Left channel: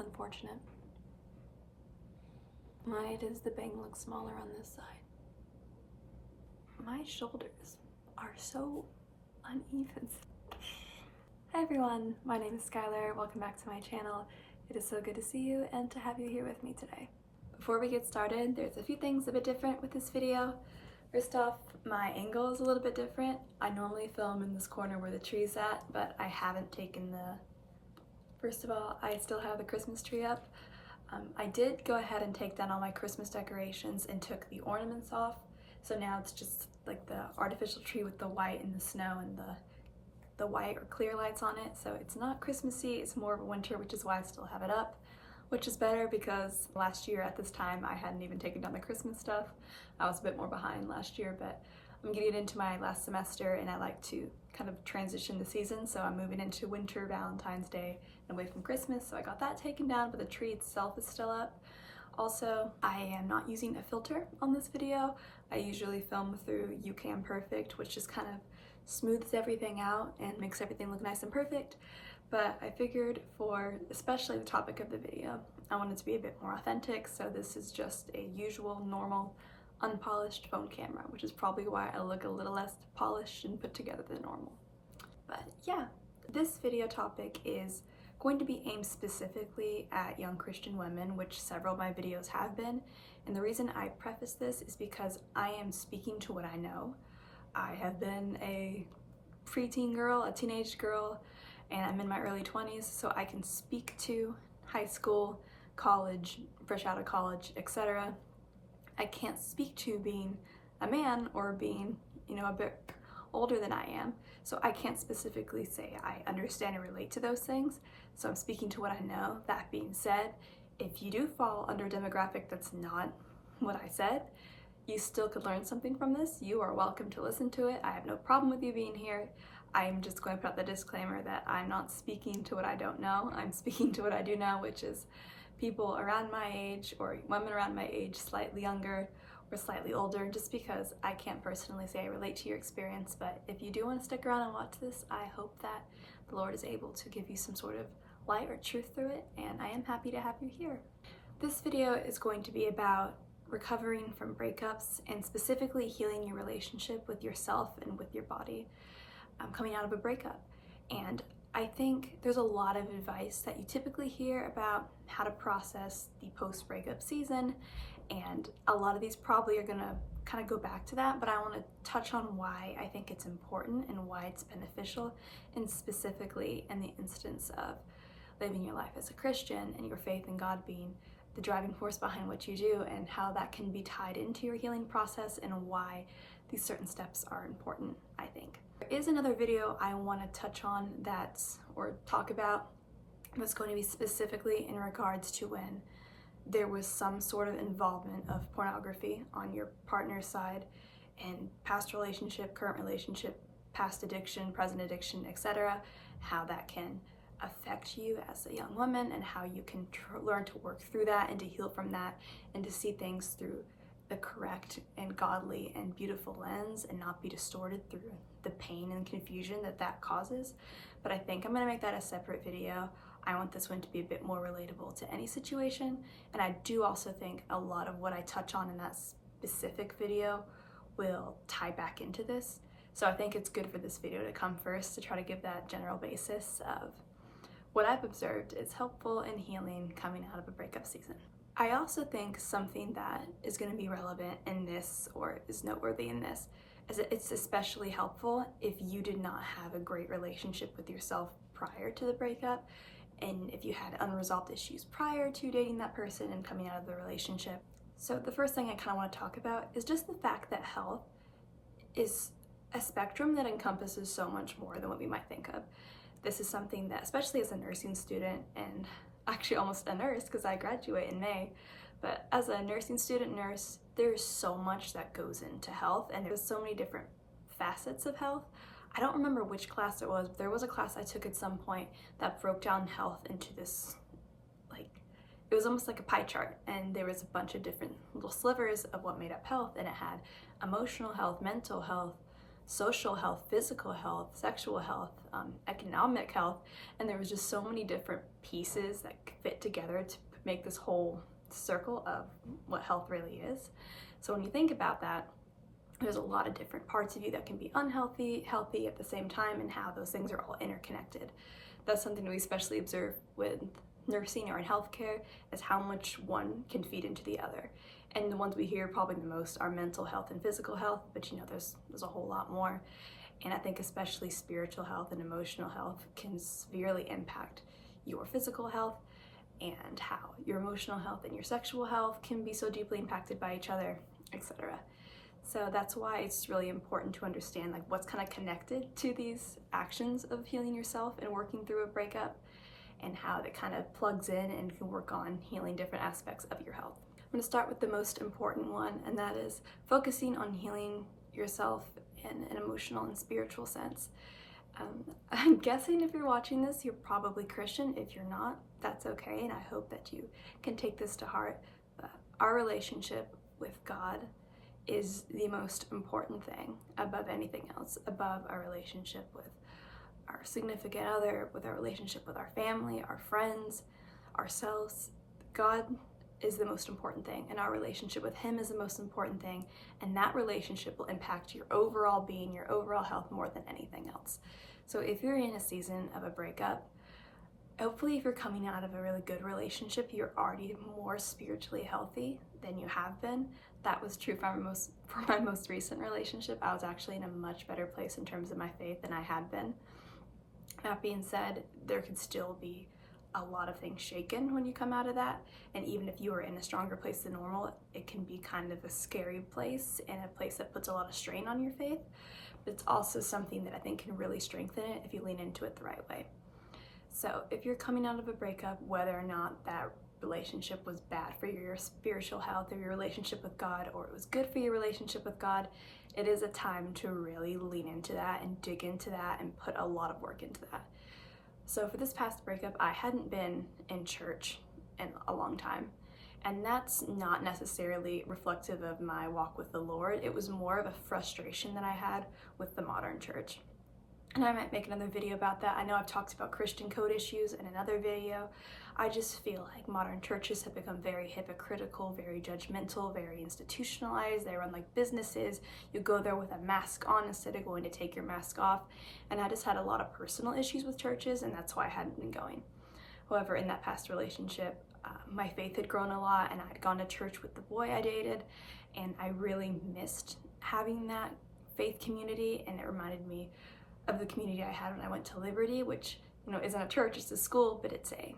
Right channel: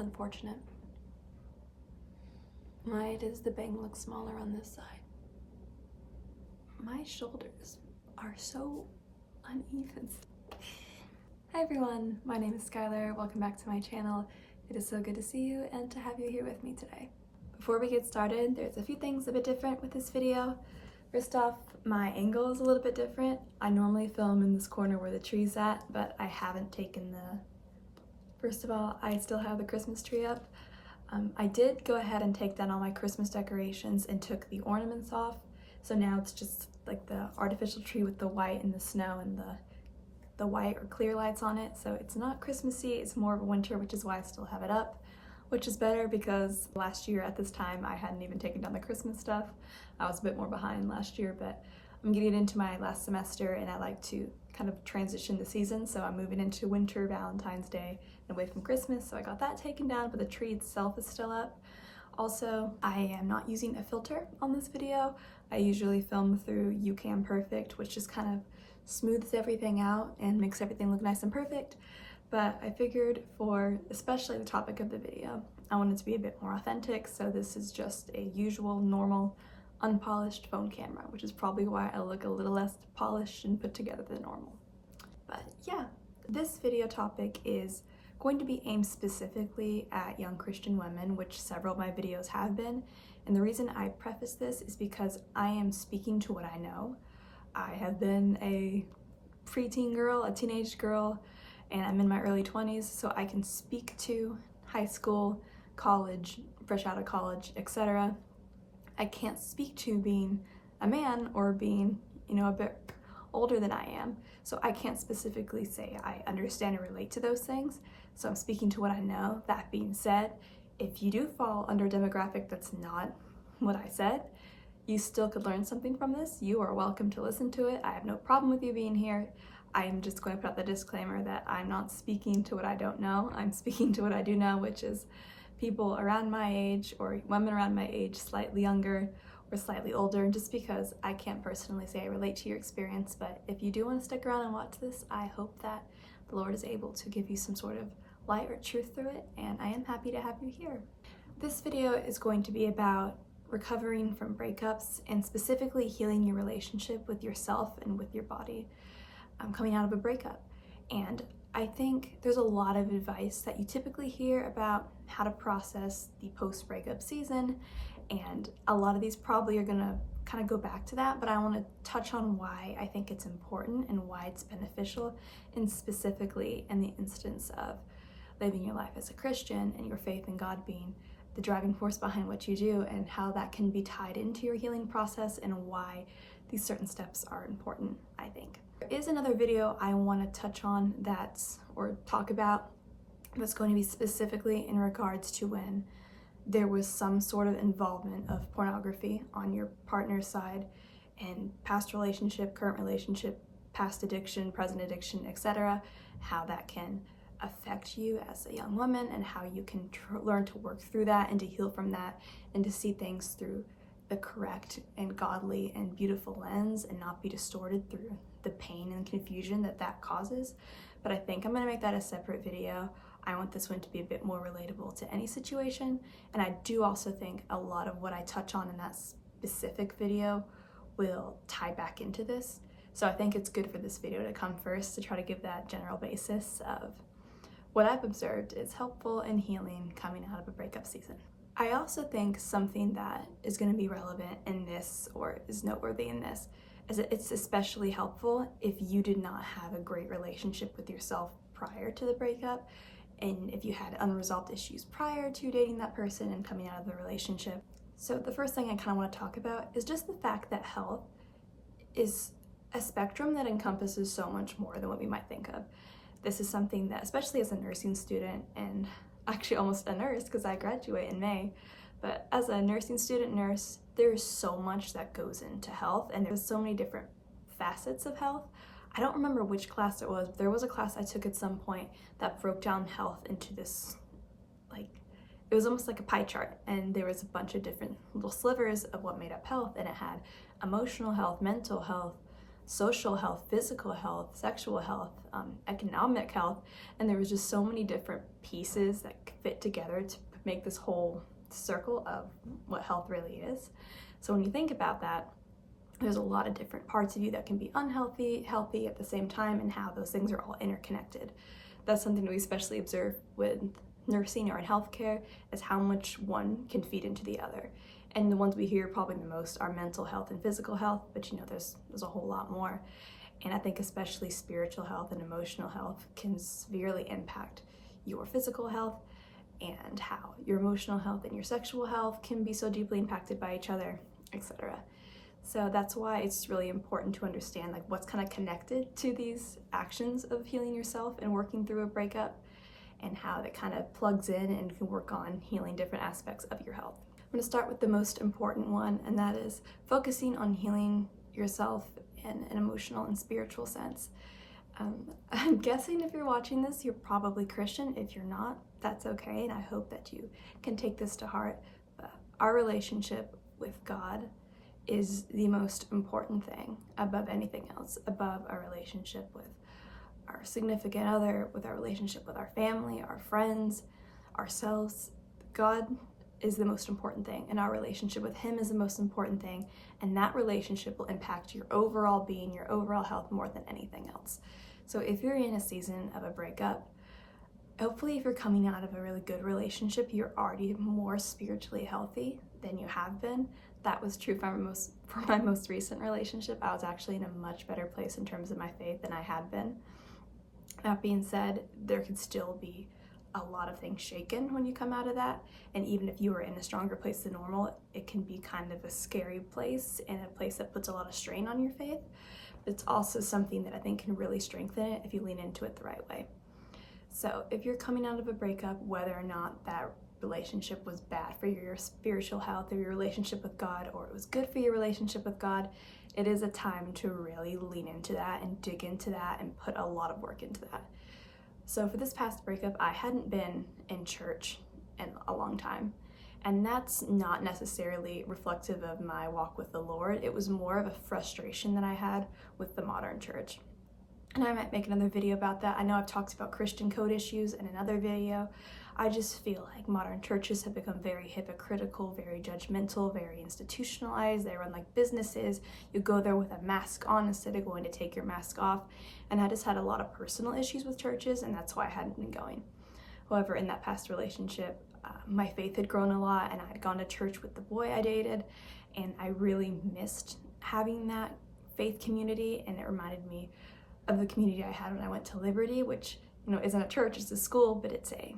unfortunate. Why does the bang look smaller on this side? My shoulders are so uneven. Hi everyone, my name is Skylar. Welcome back to my channel. It is so good to see you and to have you here with me today. Before we get started, there's a few things a bit different with this video. First off, my angle is a little bit different. I normally film in this corner where the tree's at, but I haven't taken First of all, I still have the Christmas tree up. I did go ahead and take down all my Christmas decorations and took the ornaments off. So now it's just like the artificial tree with the white and the snow and the white or clear lights on it. So it's not Christmassy, it's more of a winter, which is why I still have it up, which is better because last year at this time I hadn't even taken down the Christmas stuff. I was a bit more behind last year, but I'm getting into my last semester and I like to kind of transition the season. So I'm moving into winter, Valentine's Day, and away from Christmas. So I got that taken down, but the tree itself is still up. Also, I am not using a filter on this video. I usually film through imperfect, which just kind of smooths everything out and makes everything look nice and perfect. But I figured for especially the topic of the video, I wanted to be a bit more authentic. So this is just a usual, normal, unpolished phone camera, which is probably why I look a little less polished and put together than normal. But yeah, this video topic is going to be aimed specifically at young Christian women, which several of my videos have been. And the reason I preface this is because I am speaking to what I know. I have been a preteen girl, a teenage girl, and I'm in my early 20s, so I can speak to high school, college, fresh out of college, etc. I can't speak to being a man or being, a bit older than I am. So I can't specifically say I understand and relate to those things. So I'm speaking to what I know. That being said, if you do fall under a demographic that's not what I said, you still could learn something from this. You are welcome to listen to it. I have no problem with you being here. I'm just going to put out the disclaimer that I'm not speaking to what I don't know. I'm speaking to what I do know, which is people around my age or women around my age, slightly younger or slightly older, just because I can't personally say I relate to your experience. But if you do want to stick around and watch this, I hope that the Lord is able to give you some sort of light or truth through it, and I am happy to have you here. This video is going to be about recovering from breakups and specifically healing your relationship with yourself and with your body coming out of a breakup. And I think there's a lot of advice that you typically hear about how to process the post-breakup season, and a lot of these probably are gonna kind of go back to that, but I want to touch on why I think it's important and why it's beneficial, and specifically in the instance of living your life as a Christian and your faith in God being the driving force behind what you do, and how that can be tied into your healing process and why these certain steps are important, I think. There is another video I want to touch on or talk about that's going to be specifically in regards to when there was some sort of involvement of pornography on your partner's side, and past relationship, current relationship, past addiction, present addiction, etc., how that can affect you as a young woman and how you can learn to work through that and to heal from that and to see things through the correct and godly and beautiful lens and not be distorted through the pain and confusion that causes. But I think I'm going to make that a separate video. I want this one to be a bit more relatable to any situation, and I do also think a lot of what I touch on in that specific video will tie back into this. So I think it's good for this video to come first to try to give that general basis of what I've observed is helpful in healing coming out of a breakup season. I also think something that is going to be relevant in this, or is noteworthy in this, is that it's especially helpful if you did not have a great relationship with yourself prior to the breakup, and if you had unresolved issues prior to dating that person and coming out of the relationship. So the first thing I kind of want to talk about is just the fact that health is a spectrum that encompasses so much more than what we might think of. This is something that, especially as a nursing student, and actually almost a nurse because I graduate in May, but as a nursing student nurse, there's so much that goes into health, and there's so many different facets of health. I don't remember which class it was, but there was a class I took at some point that broke down health into this, it was almost like a pie chart, and there was a bunch of different little slivers of what made up health, and it had emotional health, mental health, social health, physical health, sexual health, economic health, and there was just so many different pieces that fit together to make this whole circle of what health really is. So when you think about that, there's a lot of different parts of you that can be unhealthy, healthy at the same time, and how those things are all interconnected. That's something that we especially observe with nursing or in healthcare, is how much one can feed into the other. And the ones we hear probably the most are mental health and physical health, but there's a whole lot more. And I think especially spiritual health and emotional health can severely impact your physical health, and how your emotional health and your sexual health can be so deeply impacted by each other, etc. So that's why it's really important to understand like what's kind of connected to these actions of healing yourself and working through a breakup, and how that kind of plugs in and can work on healing different aspects of your health. I'm going to start with the most important one, and that is focusing on healing yourself in an emotional and spiritual sense. I'm guessing if you're watching this, you're probably Christian. If you're not, that's okay, and I hope that you can take this to heart. But our relationship with God is the most important thing above anything else, above our relationship with our significant other, with our relationship with our family, our friends, ourselves. God is the most important thing, and our relationship with Him is the most important thing, and that relationship will impact your overall being, your overall health more than anything else. So if you're in a season of a breakup, hopefully if you're coming out of a really good relationship, you're already more spiritually healthy than you have been. That was true for my most recent relationship. I was actually in a much better place in terms of my faith than I had been. That being said, there could still be a lot of things shaken when you come out of that, and even if you are in a stronger place than normal, it can be kind of a scary place and a place that puts a lot of strain on your faith, but it's also something that I think can really strengthen it if you lean into it the right way. So if you're coming out of a breakup, whether or not that relationship was bad for your spiritual health or your relationship with God, or it was good for your relationship with God, it is a time to really lean into that and dig into that and put a lot of work into that. So for this past breakup, I hadn't been in church in a long time, and that's not necessarily reflective of my walk with the Lord. It was more of a frustration that I had with the modern church. And I might make another video about that. I know I've talked about Christian code issues in another video. I just feel like modern churches have become very hypocritical, very judgmental, very institutionalized. They run like businesses. You go there with a mask on instead of going to take your mask off. And I just had a lot of personal issues with churches, and that's why I hadn't been going. However, in that past relationship, my faith had grown a lot, and I had gone to church with the boy I dated, and I really missed having that faith community, and it reminded me of the community I had when I went to Liberty, which isn't a church, it's a school, but it's a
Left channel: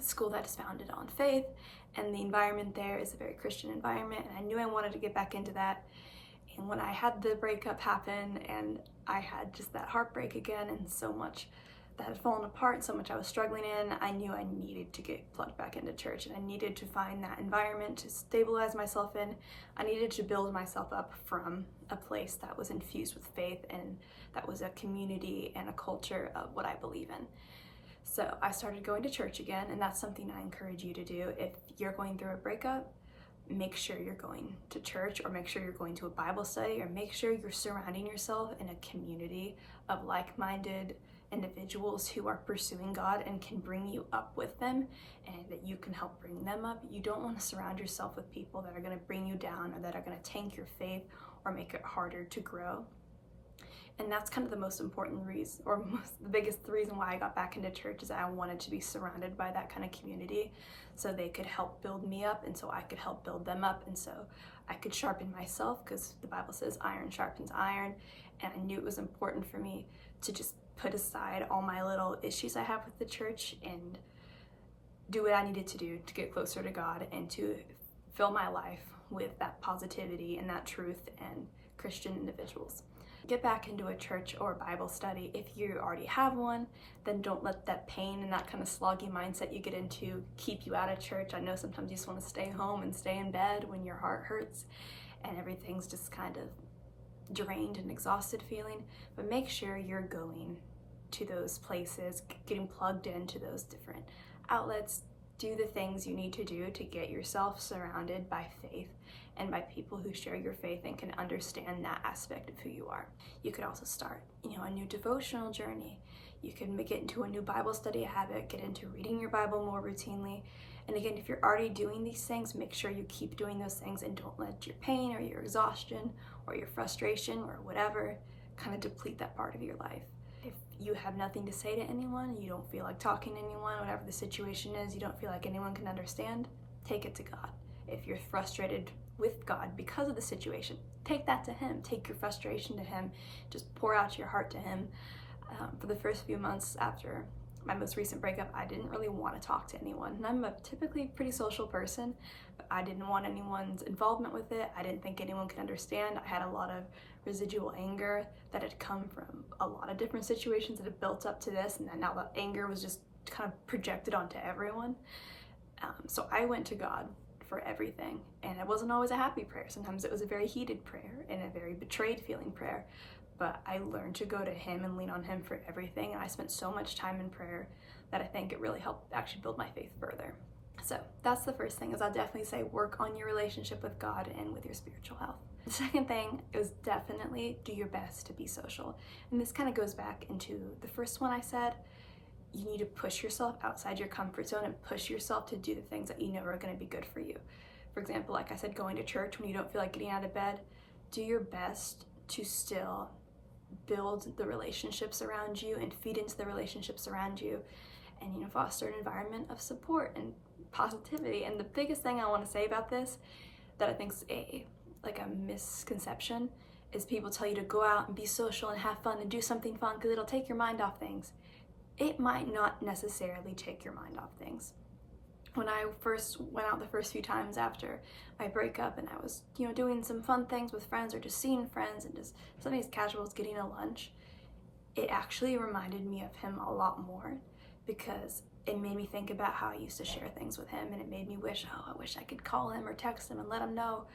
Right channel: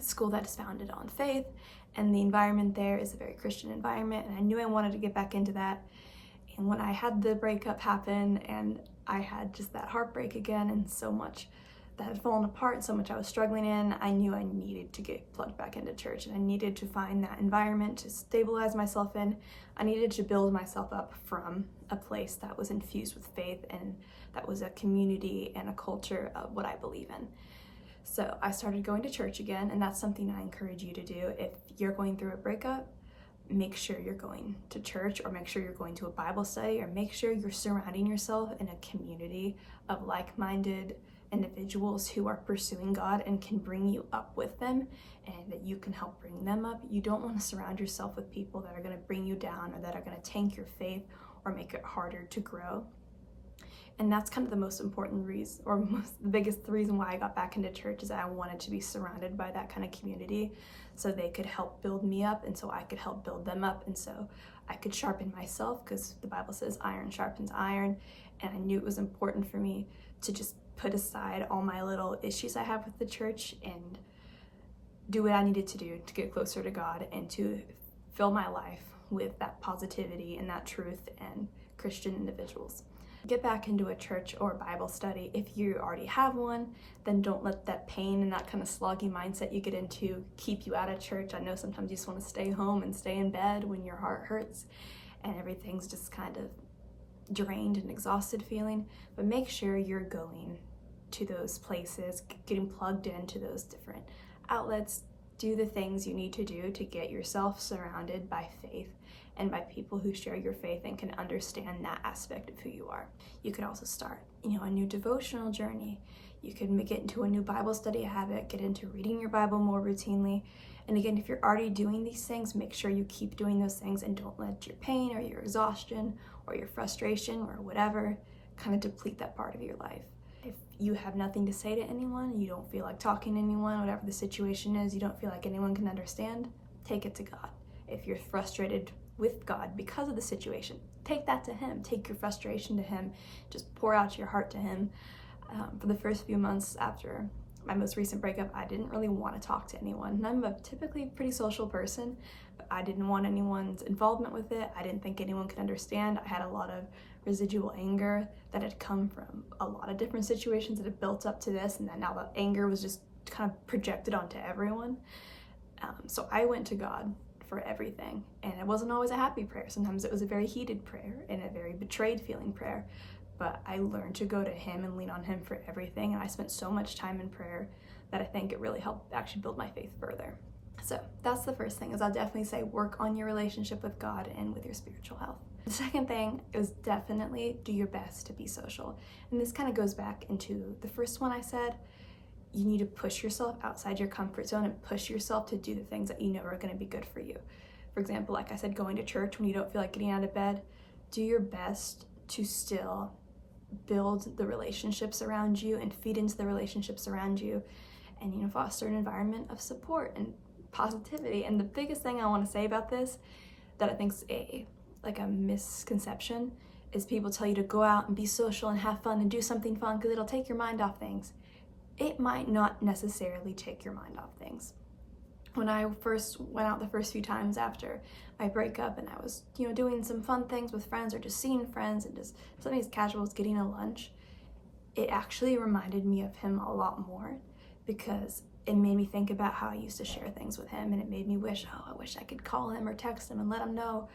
school that is founded on faith, and the environment there is a very Christian environment, and I knew I wanted to get back into that. And when I had the breakup happen and I had just that heartbreak again, and so much that had fallen apart, so much I was struggling in, I knew I needed to get plugged back into church, and I needed to find that environment to stabilize myself in. I needed to build myself up from a place that was infused with faith, and that was a community and a culture of what I believe in. So I started going to church again, and that's something I encourage you to do. If you're going through a breakup, make sure you're going to church, or make sure you're going to a Bible study, or make sure you're surrounding yourself in a community of like-minded individuals who are pursuing God and can bring you up with them, and that you can help bring them up. You don't want to surround yourself with people that are going to bring you down, or that are going to tank your faith or make it harder to grow. And that's kind of the most important reason, or the biggest reason why I got back into church, is that I wanted to be surrounded by that kind of community, so they could help build me up, and so I could help build them up, and so I could sharpen myself, because the Bible says iron sharpens iron. And I knew it was important for me to just put aside all my little issues I have with the church and do what I needed to do to get closer to God, and to fill my life with that positivity and that truth and Christian individuals. Get back into a church or Bible study. If you already have one, then don't let that pain and that kind of sloggy mindset you get into keep you out of church. I know sometimes you just want to stay home and stay in bed when your heart hurts and everything's just kind of drained and exhausted feeling, but make sure you're going to those places, getting plugged into those different outlets, Do the things you need to do to get yourself surrounded by faith and by people who share your faith and can understand that aspect of who you are. You could also start, a new devotional journey. You could get into a new Bible study habit, get into reading your Bible more routinely. And again, if you're already doing these things, make sure you keep doing those things and don't let your pain or your exhaustion or your frustration or whatever kind of deplete that part of your life. If you have nothing to say to anyone, you don't feel like talking to anyone, whatever the situation is, you don't feel like anyone can understand, take it to God. If you're frustrated with God because of the situation, take that to Him. Take your frustration to Him. Just pour out your heart to Him. For the first few months after my most recent breakup, I didn't really want to talk to anyone. And I'm a typically pretty social person, but I didn't want anyone's involvement with it. I didn't think anyone could understand. I had a lot of residual anger that had come from a lot of different situations that had built up to this, and that now the anger was just kind of projected onto everyone. So I went to God for everything, and it wasn't always a happy prayer. Sometimes it was a very heated prayer and a very betrayed feeling prayer, but I learned to go to Him and lean on Him for everything, and I spent so much time in prayer that I think it really helped actually build my faith further. So that's the first thing, is I'll definitely say work on your relationship with God and with your spiritual health. The second thing is definitely do your best to be social. And this kind of goes back into the first one I said. You need to push yourself outside your comfort zone and push yourself to do the things that you know are going to be good for you. For example, like I said, going to church when you don't feel like getting out of bed, do your best to still build the relationships around you and feed into the relationships around you, and foster an environment of support and positivity. And the biggest thing I want to say about this that I think is a misconception is people tell you to go out and be social and have fun and do something fun because it'll take your mind off things. It might not necessarily take your mind off things. When I first went out the first few times after my breakup, and I was, doing some fun things with friends or just seeing friends and just something as casual as getting a lunch, it actually reminded me of Him a lot more, because it made me think about how I used to share things with Him, and it made me wish, I wish I could call Him or text Him and let Him know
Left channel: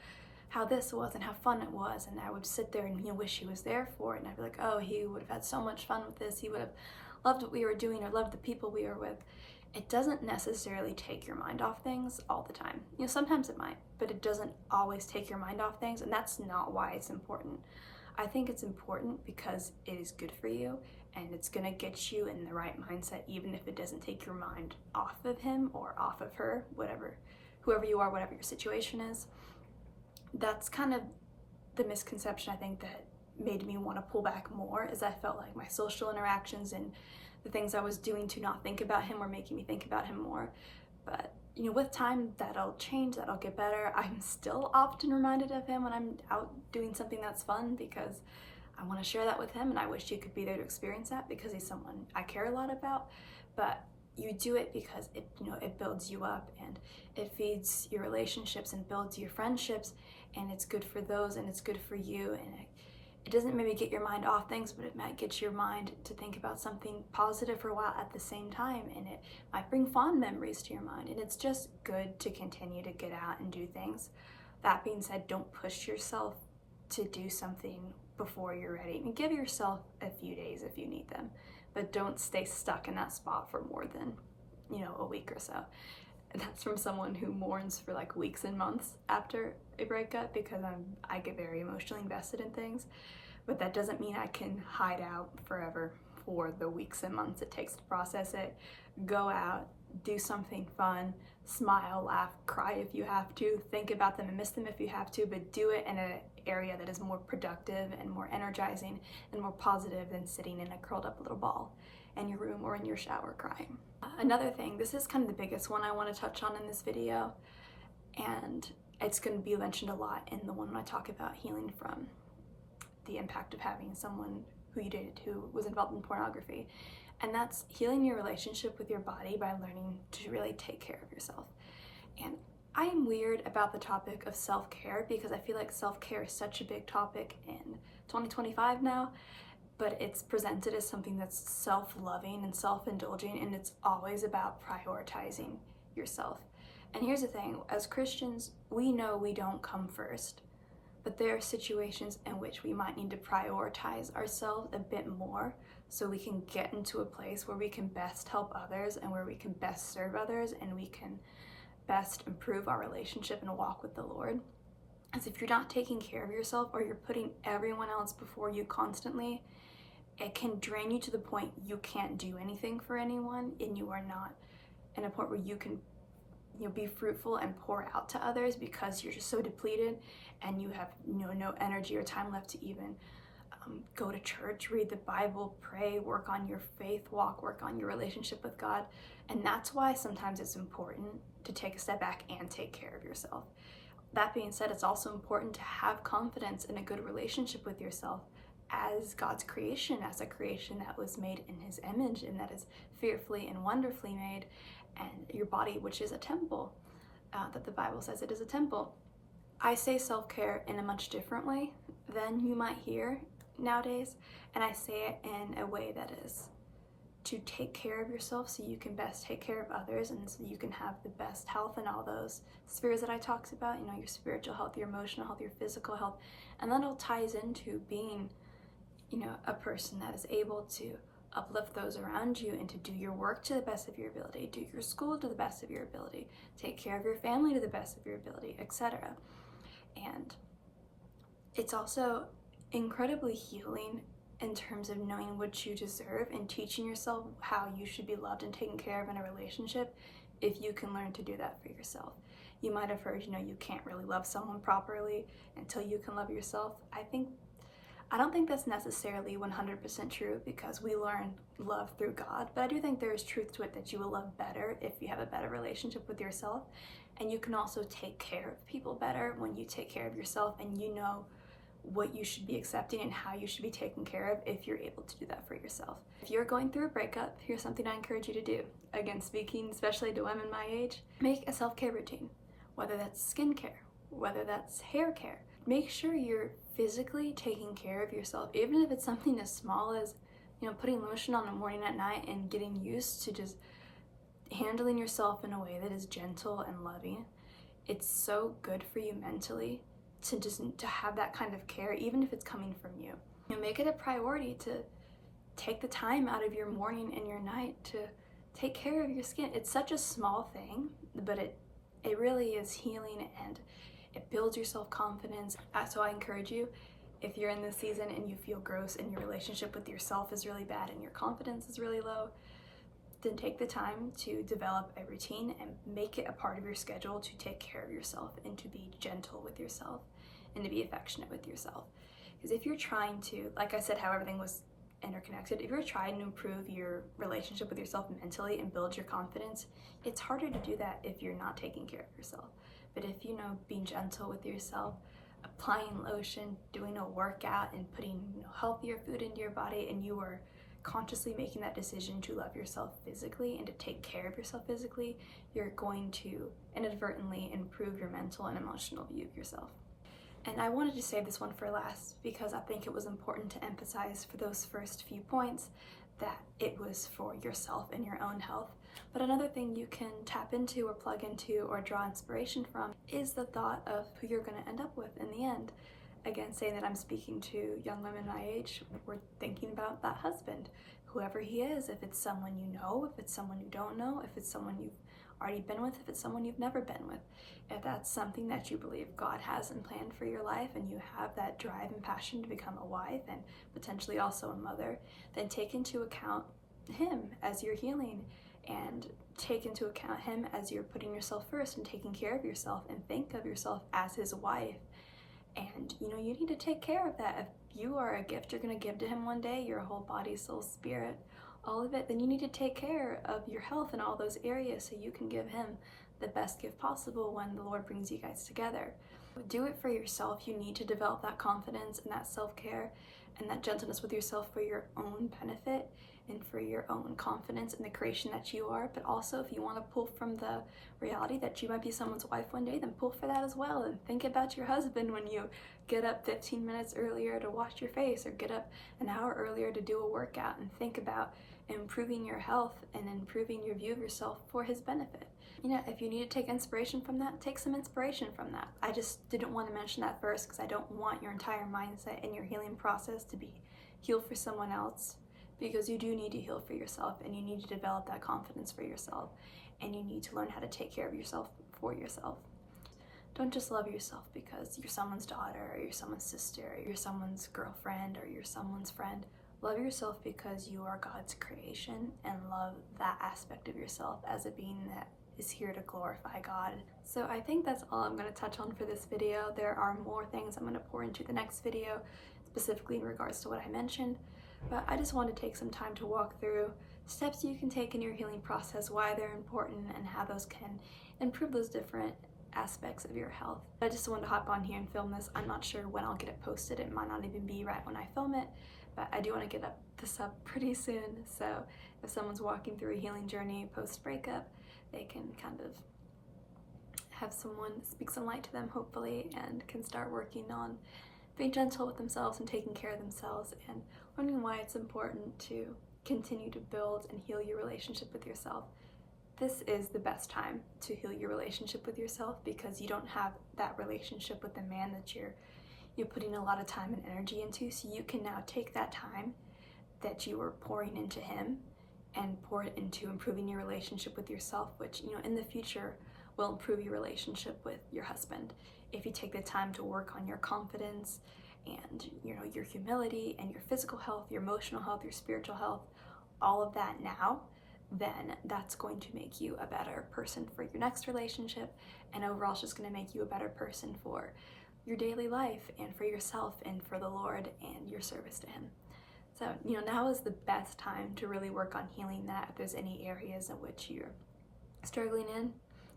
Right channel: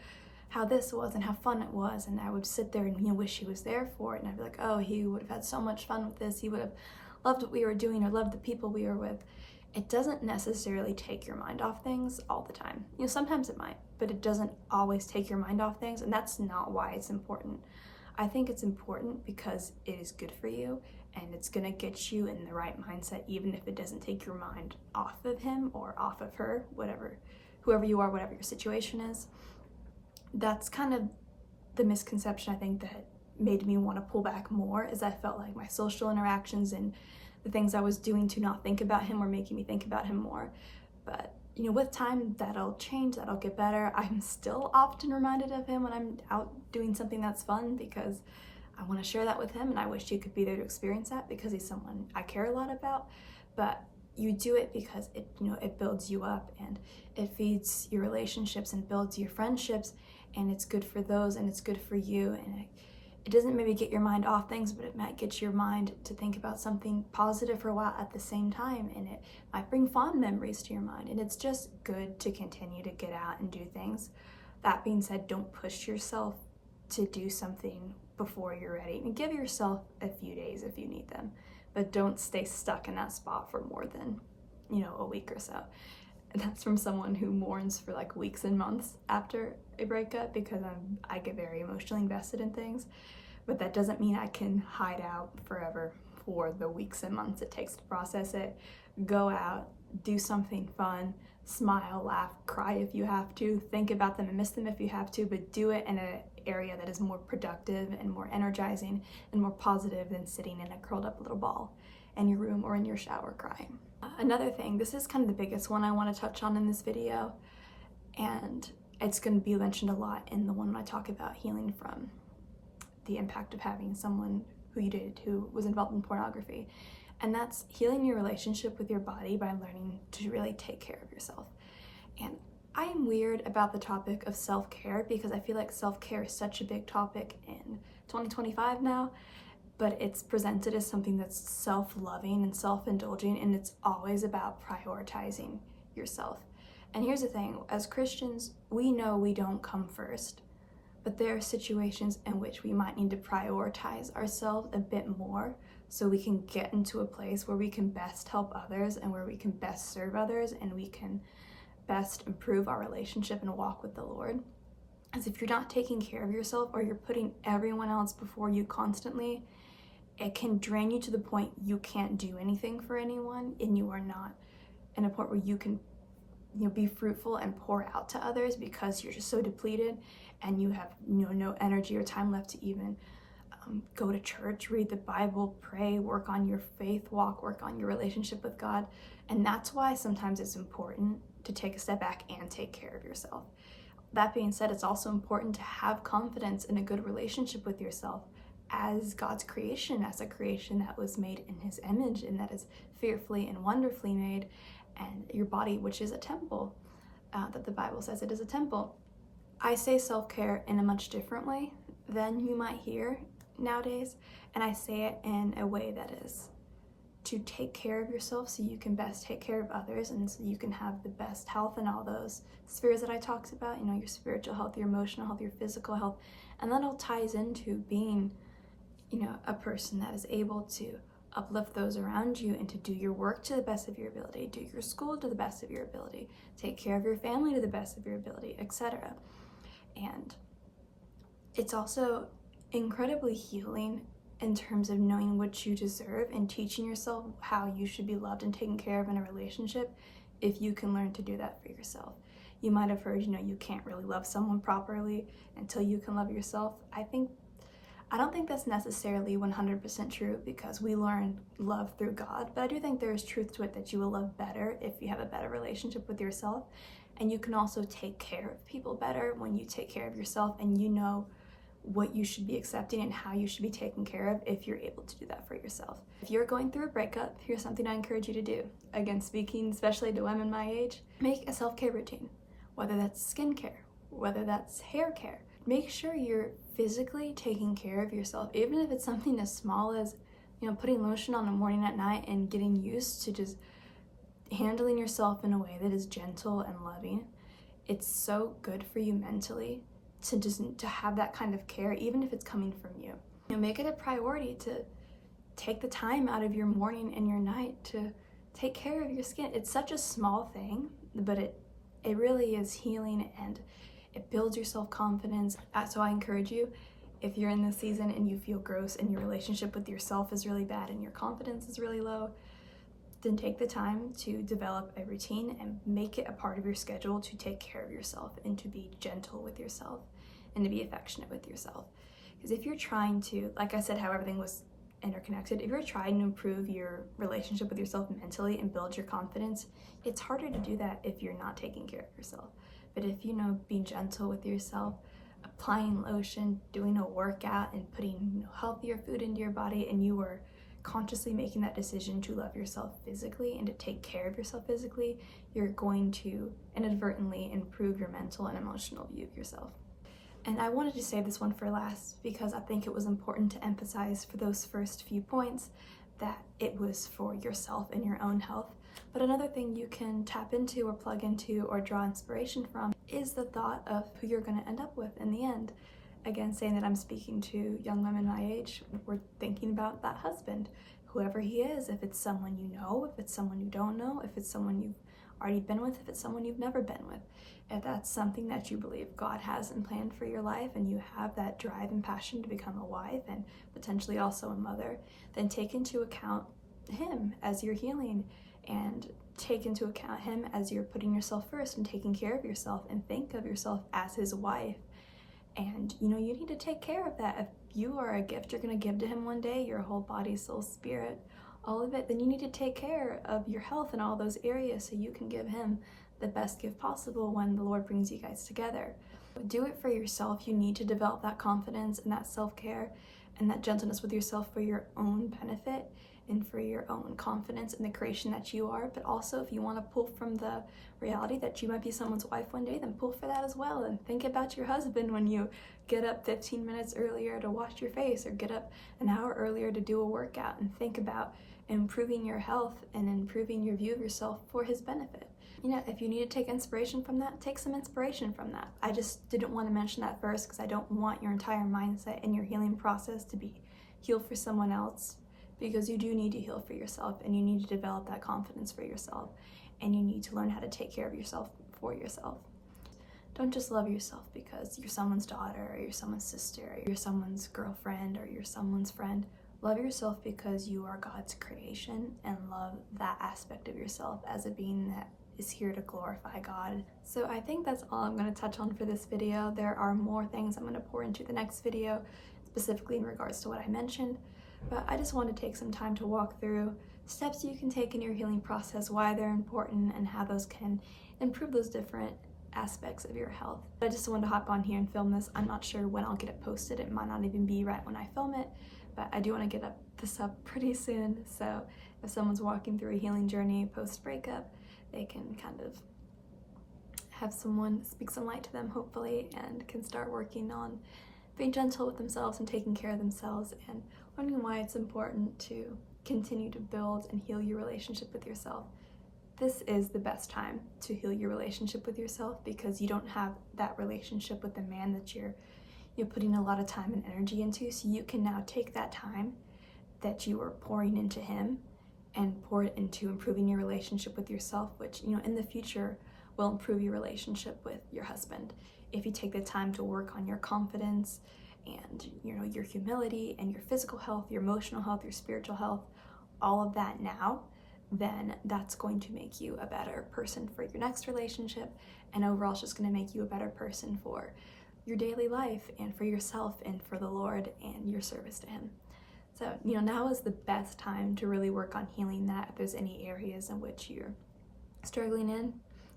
how this was and how fun it was. And I would sit there and wish He was there for it, and I'd be like, oh, He would have had so much fun with this. He would have loved what we were doing or loved the people we were with. It doesn't necessarily take your mind off things all the time. Sometimes it might, but it doesn't always take your mind off things, and that's not why it's important. I think it's important because it is good for you, and it's gonna get you in the right mindset, even if it doesn't take your mind off of Him or off of her, whoever you are, whatever your situation is. That's kind of the misconception, I think, that made me want to pull back more, is I felt like my social interactions and the things I was doing to not think about Him were making me think about Him more. But with time, that'll change, that'll get better. I'm still often reminded of Him when I'm out doing something that's fun, because I want to share that with Him, and I wish you could be there to experience that, because He's someone I care a lot about. But you do it because it builds you up, and it feeds your relationships and builds your friendships, and it's good for those, and it's good for you, and it doesn't maybe get your mind off things, but it might get your mind to think about something positive for a while at the same time, and it might bring fond memories to your mind, and it's just good to continue to get out and do things. That being said, don't push yourself to do something before you're ready. Give yourself a few days if you need them, but don't stay stuck in that spot for more than, a week or so. And that's from someone who mourns for like weeks and months after a breakup, because I get very emotionally invested in things. But that doesn't mean I can hide out forever for the weeks and months it takes to process it. Go out, do something fun, smile, laugh, cry if you have to, think about them and miss them if you have to, but do it in an area that is more productive and more energizing and more positive than sitting in a curled up little ball in your room or in your shower crying. Another thing, this is kind of the biggest one I want to touch on in this video, and it's going to be mentioned a lot in the one when I talk about healing from the impact of having someone who you dated who was involved in pornography. And that's healing your relationship with your body by learning to really take care of yourself. And I am weird about the topic of self-care, because I feel like self-care is such a big topic in 2025 now, but it's presented as something that's self-loving and self-indulging, and it's always about prioritizing yourself. And here's the thing, as Christians, we know we don't come first, but there are situations in which we might need to prioritize ourselves a bit more so we can get into a place where we can best help others and where we can best serve others and we can best improve our relationship and walk with the Lord. As if you're not taking care of yourself or you're putting everyone else before you constantly, it can drain you to the point you can't do anything for anyone, and you are not in a point where you can be fruitful and pour out to others because you're just so depleted and you have no energy or time left to even go to church, read the Bible, pray, work on your faith walk, work on your relationship with God. And that's why sometimes it's important to take a step back and take care of yourself. That being said, it's also important to have confidence in a good relationship with yourself as God's creation, as a creation that was made in his image and that is fearfully and wonderfully made, and your body, which is a temple, that the Bible says it is a temple. I say self-care in a much different way than you might hear nowadays, and I say it in a way that is to take care of yourself so you can best take care of others and so you can have the best health in all those spheres that I talked about, your spiritual health, your emotional health, your physical health. And that all ties into being, a person that is able to uplift those around you and to do your work to the best of your ability, do your school to the best of your ability, take care of your family to the best of your ability, etc. And it's also incredibly healing in terms of knowing what you deserve and teaching yourself how you should be loved and taken care of in a relationship if you can learn to do that for yourself. You might have heard, you can't really love someone properly until you can love yourself. I don't think that's necessarily 100% true because we learn love through God, but I do think there is truth to it that you will love better if you have a better relationship with yourself. And you can also take care of people better when you take care of yourself and you know what you should be accepting and how you should be taken care of if you're able to do that for yourself. If you're going through a breakup, here's something I encourage you to do. Again, speaking especially to women my age, make a self-care routine, whether that's skincare, whether that's hair care. Make sure you're physically taking care of yourself, even if it's something as small as, putting lotion on the morning and at night and getting used to just handling yourself in a way that is gentle and loving. It's so good for you mentally to have that kind of care, even if it's coming from you. Make it a priority to take the time out of your morning and your night to take care of your skin. It's such a small thing, but it really is healing and it builds your self-confidence. So I encourage you, if you're in this season and you feel gross and your relationship with yourself is really bad and your confidence is really low, then take the time to develop a routine and make it a part of your schedule to take care of yourself and to be gentle with yourself and to be affectionate with yourself. Because if you're trying to, like I said, how everything was interconnected, if you're trying to improve your relationship with yourself mentally and build your confidence, it's harder to do that if you're not taking care of yourself. But if being gentle with yourself, applying lotion, doing a workout, and putting healthier food into your body, and you are consciously making that decision to love yourself physically and to take care of yourself physically, you're going to inadvertently improve your mental and emotional view of yourself. And I wanted to save this one for last because I think it was important to emphasize for those first few points that it was for yourself and your own health. But another thing you can tap into or plug into or draw inspiration from is the thought of who you're going to end up with in the end. Again, saying that I'm speaking to young women my age, we're thinking about that husband, whoever he is, if it's someone you know, if it's someone you don't know, if it's someone you've already been with, if it's someone you've never been with. If that's something that you believe God has and planned for your life and you have that drive and passion to become a wife and potentially also a mother, then take into account him as you're healing and take into account him as you're putting yourself first and taking care of yourself, and think of yourself as his wife. And you need to take care of that. If you are a gift you're going to give to him one day, your whole body, soul, spirit, all of it, then you need to take care of your health in all those areas so you can give him the best gift possible when the Lord brings you guys together. Do it for yourself. You need to develop that confidence and that self-care and that gentleness with yourself for your own benefit and for your own confidence in the creation that you are. But also, if you want to pull from the reality that you might be someone's wife one day, then pull for that as well. And think about your husband when you get up 15 minutes earlier to wash your face or get up an hour earlier to do a workout, and think about improving your health and improving your view of yourself for his benefit. If you need to take inspiration from that, take some inspiration from that. I just didn't want to mention that first because I don't want your entire mindset and your healing process to be healed for someone else because you do need to heal for yourself, and you need to develop that confidence for yourself, and you need to learn how to take care of yourself for yourself. Don't just love yourself because you're someone's daughter, or you're someone's sister, or you're someone's girlfriend, or you're someone's friend. Love yourself because you are God's creation, and love that aspect of yourself as a being that is here to glorify God. So I think that's all I'm going to touch on for this video. There are more things I'm going to pour into the next video, specifically in regards to what I mentioned, but I just want to take some time to walk through steps you can take in your healing process, why they're important, and how those can improve those different aspects of your health. I just wanted to hop on here and film this. I'm not sure when I'll get it posted. It might not even be right when I film it, but I do want to get this up pretty soon. So if someone's walking through a healing journey post-breakup, they can kind of have someone speak some light to them, hopefully, and can start working on being gentle with themselves and taking care of themselves, and learning why it's important to continue to build and heal your relationship with yourself. This is the best time to heal your relationship with yourself, because you don't have that relationship with the man that you're putting a lot of time and energy into. So you can now take that time that you are pouring into him and pour it into improving your relationship with yourself, which, in the future will improve your relationship with your husband. If you take the time to work on your confidence and, your humility and your physical health, your emotional health, your spiritual health, all of that now, then that's going to make you a better person for your next relationship, and overall it's just going to make you a better person for your daily life and for yourself and for the Lord and your service to him. So, now is the best time to really work on healing that. If there's any areas in which you're struggling in,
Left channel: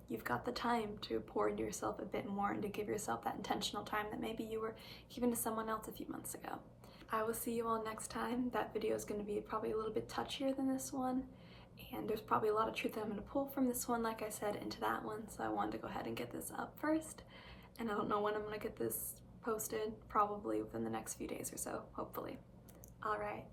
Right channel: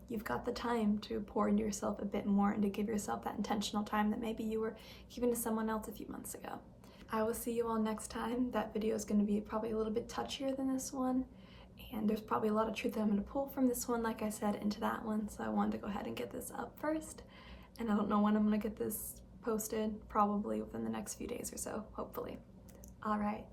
you've got the time to pour into yourself a bit more and to give yourself that intentional time that maybe you were giving to someone else a few months ago. I will see you all next time. That video is going to be probably a little bit touchier than this one, and there's probably a lot of truth that I'm going to pull from this one, like I said, into that one. So I wanted to go ahead and get this up first, and I don't know when I'm going to get this posted, probably within the next few days or so, hopefully. All right,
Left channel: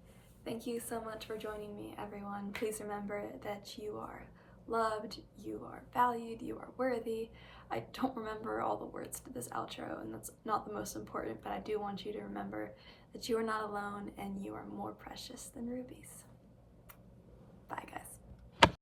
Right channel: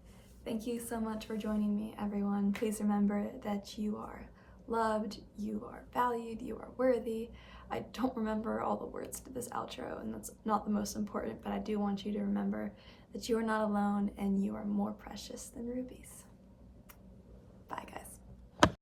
thank you so much for joining me, everyone. Please remember that you are loved, you are valued, you are worthy. I don't remember all the words to this outro, and that's not the most important, but I do want you to remember that you are not alone and you are more precious than rubies. Bye, guys.